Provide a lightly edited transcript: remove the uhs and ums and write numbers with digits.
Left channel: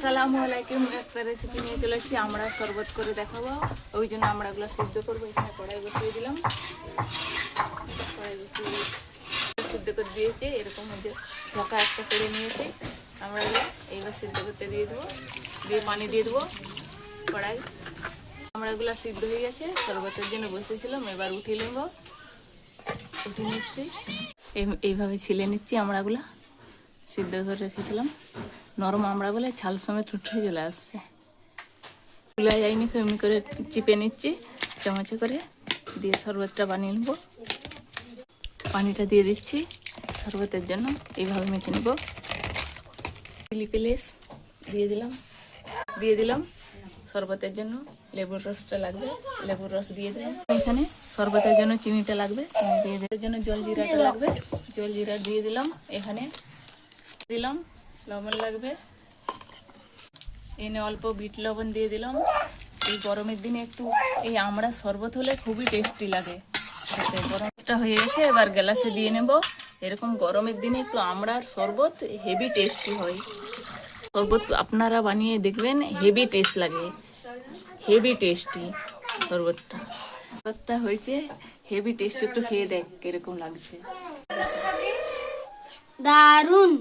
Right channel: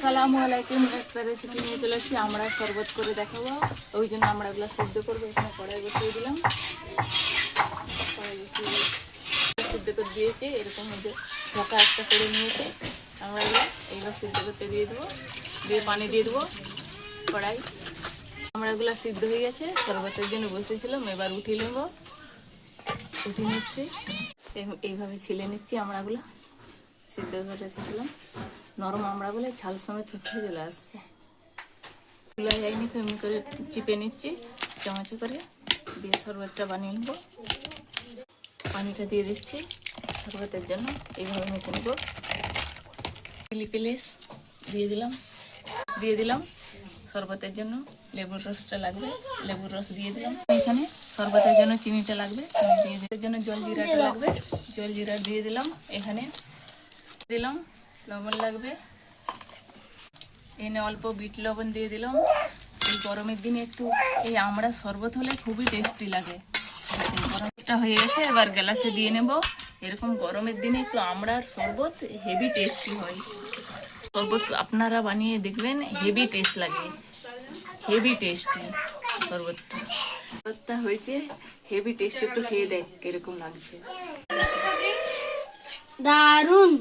আসসালামু আলাইকুম। একটা রেসিপি নিয়ে চলে এসেছি, আমরা শরবত করে দেখাবো। ওই জন্য আমরাগুলো সিদ্ধ করবো। এখানে কড়াই বসিয়ে দিলাম, কড়াই বসিয়ে সিদ্ধ করে দিয়েছি। এরকম যে ঢাকা একটা করে নিয়েছে আমরাগুলো। এইবার সিদ্ধ করতে দিয়ে দেবো, দিয়ে পানি দিয়ে দেবো কড়াই। আমরাগুলো সিদ্ধ হয়ে গেছে, শরবতের জন্য বসেছিলাম। এবার উঠিয়ে নেব, উঠিয়ে নিচ্ছি। এইভাবে ছিলে নিচ্ছি আমরাগুলো, সিদ্ধ করে রেখেছিলাম। নরম আমড়াগুলো ছাল সমেত উঠে চলে আসছে, তুলা যায়নি। এমনি করে চিপে নিচ্ছি চামচে করে, দিয়ে শরবতটা বানিয়ে নেব। পানিটা দিয়ে দিচ্ছি শরবতের জন্য, এইভাবে মেখে নেব। চিলি পেলেস দিয়ে দিলাম শরবতের জন্য। লেবুর রসটা লাগবে, লেবুর রস দিয়ে দিলাম। এখানে শরবতের জন্য চিনিটা লাগবে, চিনি দিয়ে দেওয়ার জন্য জল জিরাটা লাগবে, জল জিরা দিয়ে দিলাম। এখানে দিলাম লবণ লাগবে, এনে অল্প বিট লবণ দিয়ে দিলাম। এই গরমের দিনে একটু এই আমড়া শরবত হলে খুবই টেস্টি লাগে। গরমটা হয়ে গেছে, এবার গ্লাসে দিয়ে নেব। এরকম গরমের দিনে একটু আমড়ার শরবত হেভি টেস্টি হয়। শরবত আপনারা বানিয়ে দেখবেন, হেভি টেস্ট লাগে, হেভি টেস্টি শরবতটা হয়েছে হেভি টেস্ট। একটু খেয়ে দেখ কিরকম লাগছে। দারুন।